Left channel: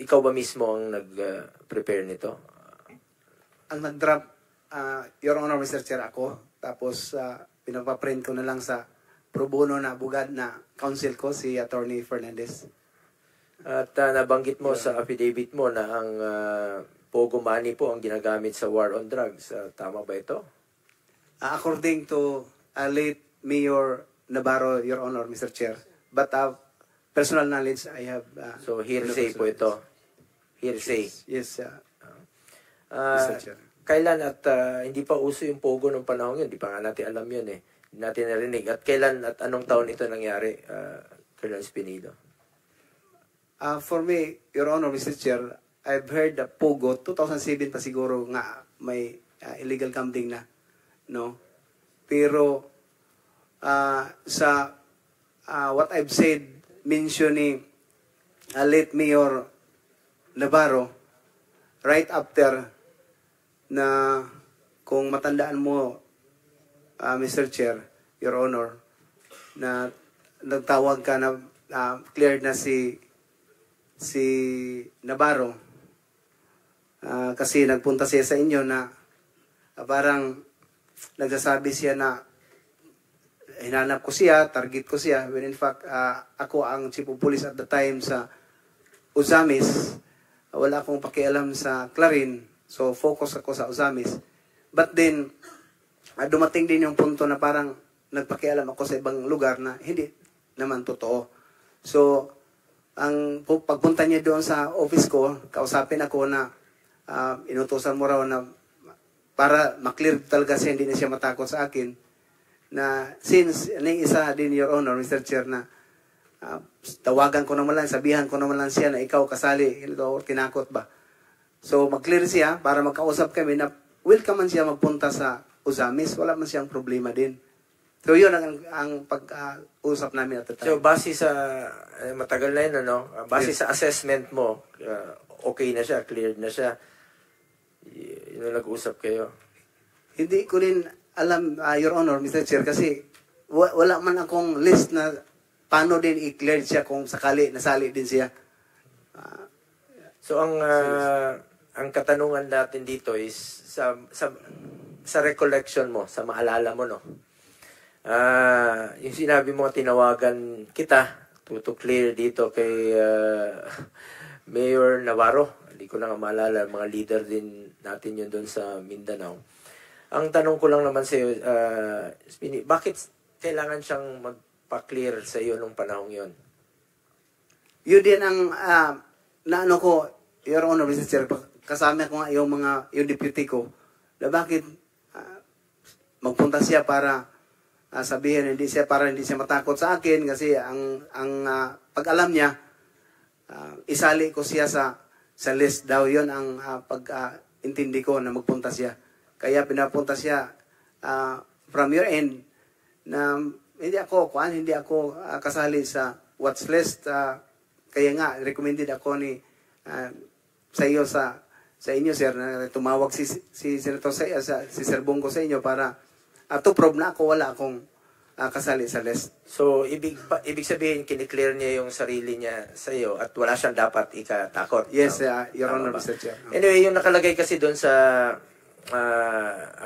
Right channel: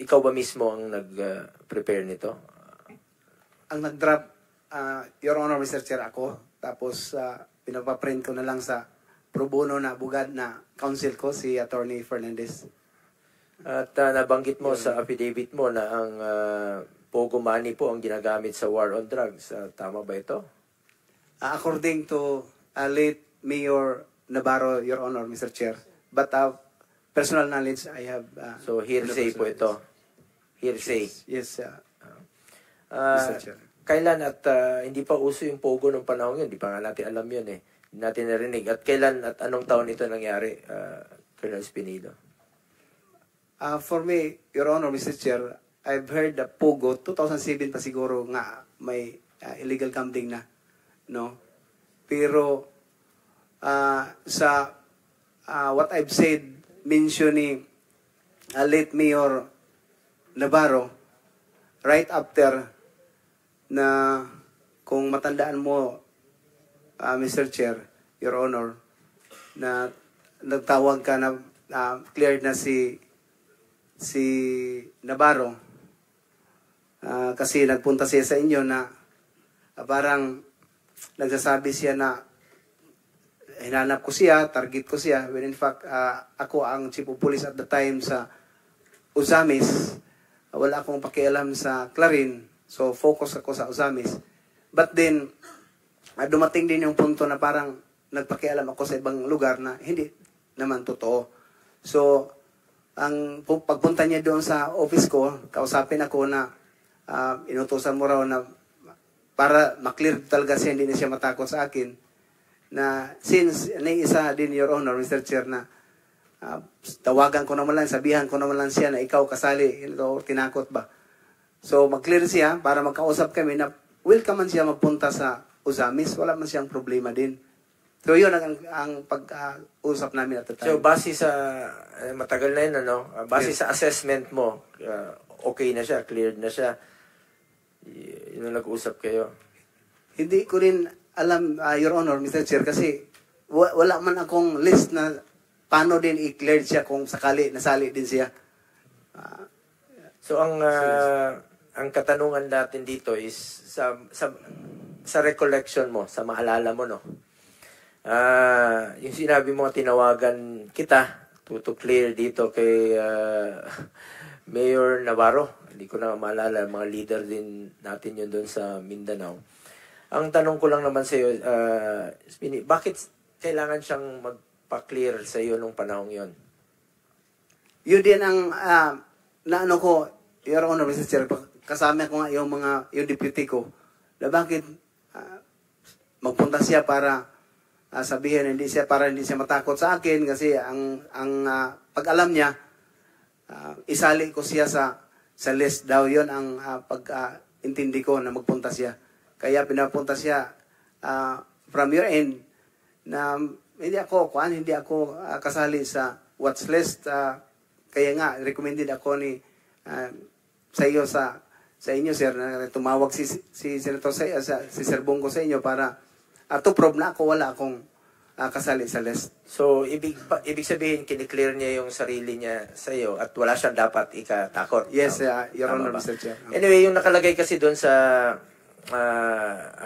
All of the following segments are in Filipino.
ikaw ba mismo ang nag-prepare nito? Ang nag-draft, Your Honor, Mr. Chair, ako. Tapos, pinapaprint ko na lang sa pro bono na bugad na counsel ko, si Attorney Fernandez. At nabanggit mo sa affidavit mo na ang Pogo money po ang ginagamit sa war on drugs. Tama ba ito? According to late Mayor Navarro, Your Honor, Mr. Chair. But personal knowledge, I have... so, hearsay po ito. Hearsay. Yes, Mr. Chair. Kailan at hindi pa uso yung Pogo nung panahon yun? Di pa nga natin alam yun eh. Hindi natin narinig. At kailan at anong taon ito nangyari, Colonel Espinido? For me, Your Honor, Mr. Chair, I've heard the Pogo, 2007 pa siguro nga may illegal gambling na. No? Pero sa what I've said, mentioning late Mayor Navarro, right after na kung matandaan mo, Mr. Chair, Your Honor, na nagtawag ka na cleared na si Navarro kasi nagpunta siya sa inyo na parang nagsasabi siya na hinanap ko siya, target ko siya, when in fact ako ang chief of police at the time sa Uzamis. Wala akong pakialam sa Clarin. So, focus ako sa Uzamis. But then, dumating din yung punto na parang nagpakialam ako sa ibang lugar na hindi naman totoo. So, ang pagpunta niya doon sa office ko, kausapin ako na inutusan mo raw na para maklear talaga siya, hindi na siya matakot sa akin. Na since, isa din, Your Honor, Mr. Chair, na tawagan ko naman lang, sabihan ko naman lang siya na ikaw kasali, tinakot ba? So, mag-clear siya para magkausap kami na welcome man siya magpunta sa Uzamis. Wala man siyang problema din. So, yun ang pag-usap namin at the time. So, base sa, matagal na yun, ano? Base sa assessment mo, okay na siya, cleared na siya. Yun ang nag-usap kayo. Hindi ko rin alam, Your Honor, Mr. Chair, kasi wala man akong list na paano din i-cleared siya kung sakali nasali din siya. So, ang katanungan natin dito is sa recollection mo, sa maalala mo, no? Yung sinabi mo, tinawagan kita to clear dito kay Mayor Navarro. Hindi ko na maalala, mga leader din natin yun doon sa Mindanao. Ang tanong ko lang naman sa iyo, bakit kailangan siyang magpa-clear sa iyo nung panahong yun? Yun din ang naano ko, Your Honor, Mr. Chair, kasama ko nga yung deputy ko, na bakit magpunta siya para sabihin hindi siya matakot sa akin kasi ang pag-alam niya, isali ko siya sa list daw. Yun ang pag-intindi ko na magpunta siya. Kaya pinapunta siya from your end na hindi ako kasali sa watch list. Kaya nga, recommended ako ni sa iyo sa inyo, sir, na tumawag si Senator si Sir Bongo sa inyo para to prove na ako wala akong kasali sa list. So, ibig sabihin, kiniklear niya yung sarili niya sa iyo at wala siyang dapat ikatakot. Yes, Your Honor, Mr. Chair. Anyway, yung nakalagay kasi doon sa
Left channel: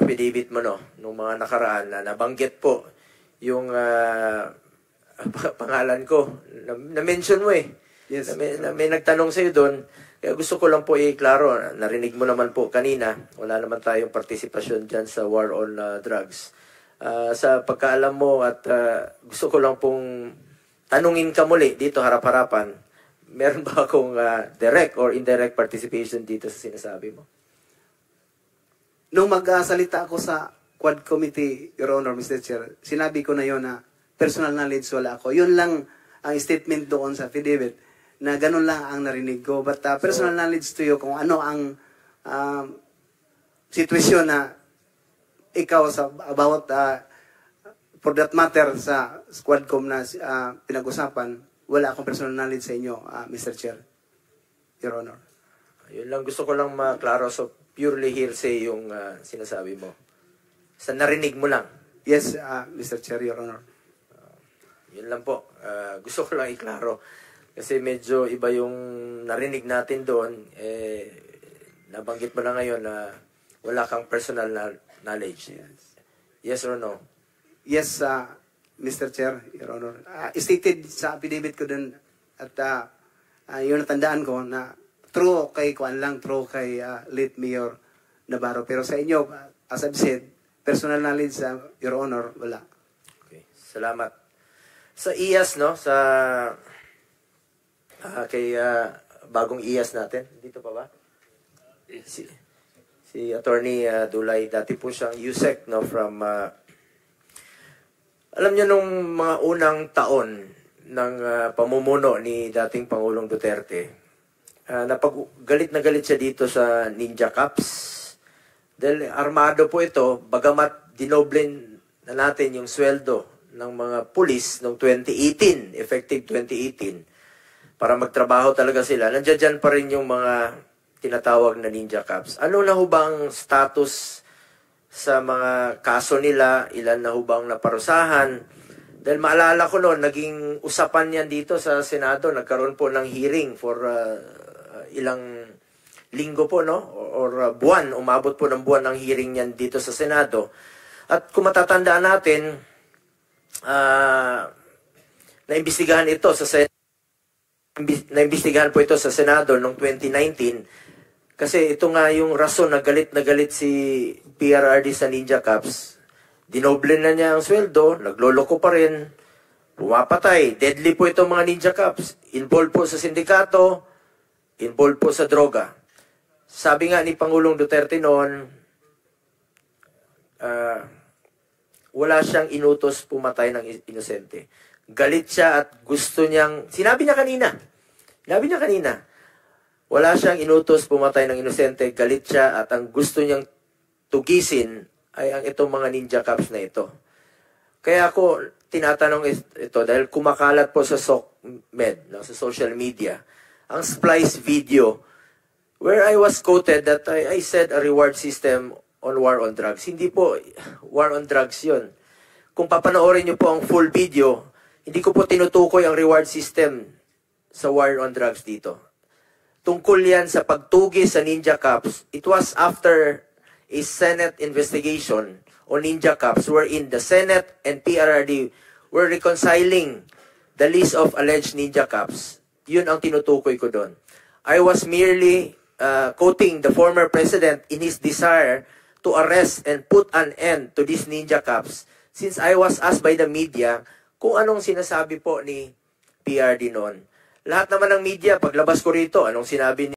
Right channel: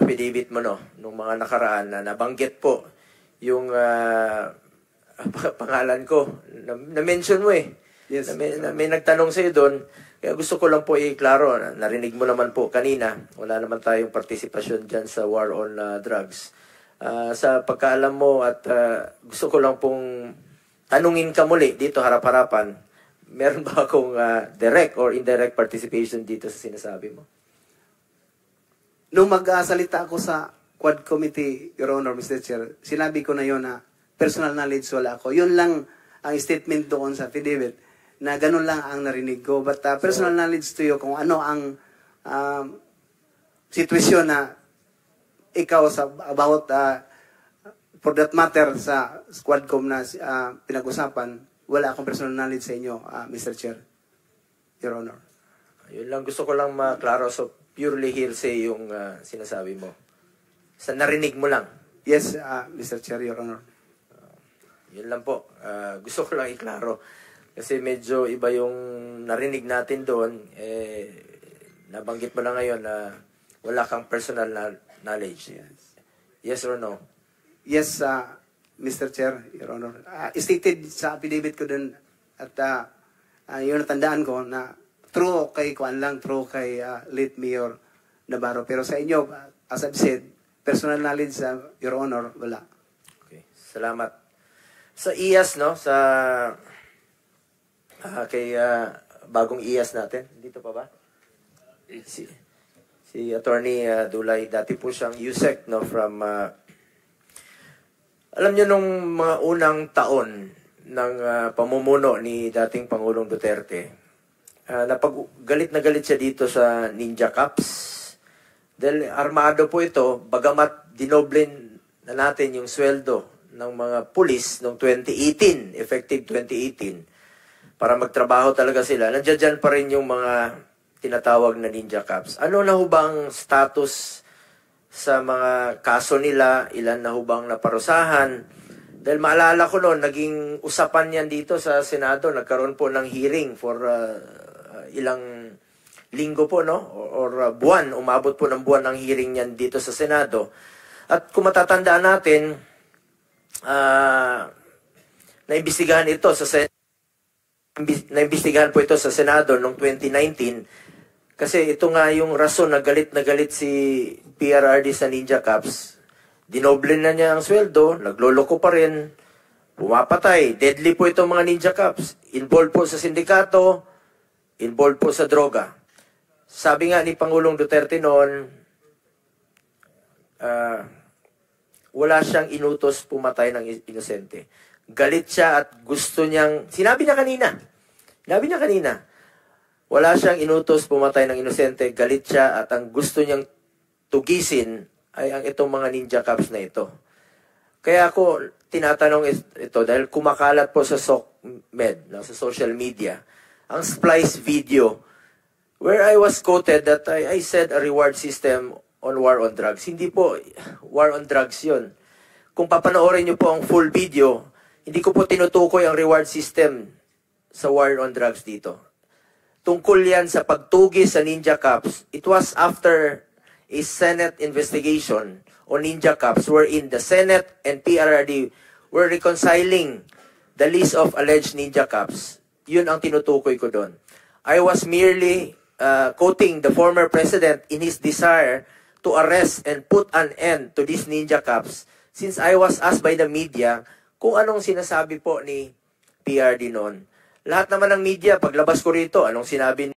affidavit mo, no, nung mga nakaraan na nabanggit po yung pangalan ko. Na-mention mo eh. Yes. May nagtanong sa iyo doon. Kaya gusto ko lang po i-klaro, narinig mo naman po kanina, wala naman tayong partisipasyon dyan sa war on drugs. Sa pagkaalam mo at gusto ko lang pong tanungin ka muli dito harap-harapan, meron ba akong direct or indirect participation dito sa sinasabi mo? Nung magsalita ako sa Quad Committee, Your Honor, Mr. Chair, sinabi ko na yon na personal knowledge wala ako. Yun lang ang statement doon sa affidavit, na ganun lang ang narinig ko. But personal knowledge to you kung ano ang sitwasyon na ikaw about for that matter sa Squadcom na pinag-usapan, wala akong personal knowledge sa inyo, Mr. Chair, Your Honor. Yun lang, gusto ko lang maklaro. So, purely hearsay yung sinasabi mo. Sa narinig mo lang. Yes, Mr. Chair, Your Honor. Yun lang po. Gusto ko lang iklaro. Kasi medyo iba yung narinig natin doon. Nabanggit mo na ngayon na wala kang personal knowledge. Yes or no? Yes, Mr. Chair, Your Honor. Stated sa affidavit ko dun at yun natandaan ko na true kay late Mayor Navarro. Pero sa inyo, as I've said, personal knowledge, Your Honor, wala. Okay, salamat. Sa IAS, no? Kay bagong IAS natin. Dito pa ba? Si Attorney Dulay, dati po siyang USEC, no? From, alam niyo nung mga unang taon ng pamumuno ni dating Pangulong Duterte, galit na galit siya dito sa Ninja Cups. Dahil armado po ito, bagamat dinoblin na natin yung sweldo ng mga pulis noong 2018, effective 2018, para magtrabaho talaga sila. Nandiyan dyan pa rin yung mga tinatawag na Ninja Cups. Ano na ho bang status sa mga kaso nila? Ilan na ho bang naparusahan? Dahil maalala ko noon, naging usapan yan dito sa Senado. Nagkaroon po ng hearing for ilang linggo po, no? Or buwan. Umabot po ng buwan ng hearing yan dito sa Senado. At kung matatandaan natin, naimbestigahan ito sa Senado. Naimbestigahan po ito sa Senado noong 2019 kasi ito nga yung rason na galit si PRRD sa Ninja Cups. Dinoble na niya ang sweldo, nagloloko pa rin, pumapatay. Deadly po itong mga Ninja Cups. Involved po sa sindikato, involved po sa droga. Sabi nga ni Pangulong Duterte noon, wala siyang inutos pumatay ng inosente. Galit siya at gusto niyang, sinabi niya kanina, wala siyang inutos pumatay ng inosente, galit siya at ang gusto niyang tugisin ay ang itong mga Ninja Cups na ito. Kaya ako tinatanong ito dahil kumakalat po sa SOCMED, no, sa social media, ang splice video where I was quoted that I said a reward system on war on drugs. Hindi po war on drugs yun. Kung papanoorin niyo po ang full video, hindi ko po tinutukoy ang reward system sa war on drugs dito. Tungkol yan sa pagtugis sa Ninja Cups. It was after a Senate investigation on Ninja Cups wherein the Senate and PRRD were reconciling the list of alleged Ninja Cups. Yun ang tinutukoy ko doon. I was merely quoting the former president in his desire to arrest and put an end to these Ninja Cups since I was asked by the media kung anong sinasabi po ni PRD noon. Lahat naman ng media, paglabas ko rito, anong sinabi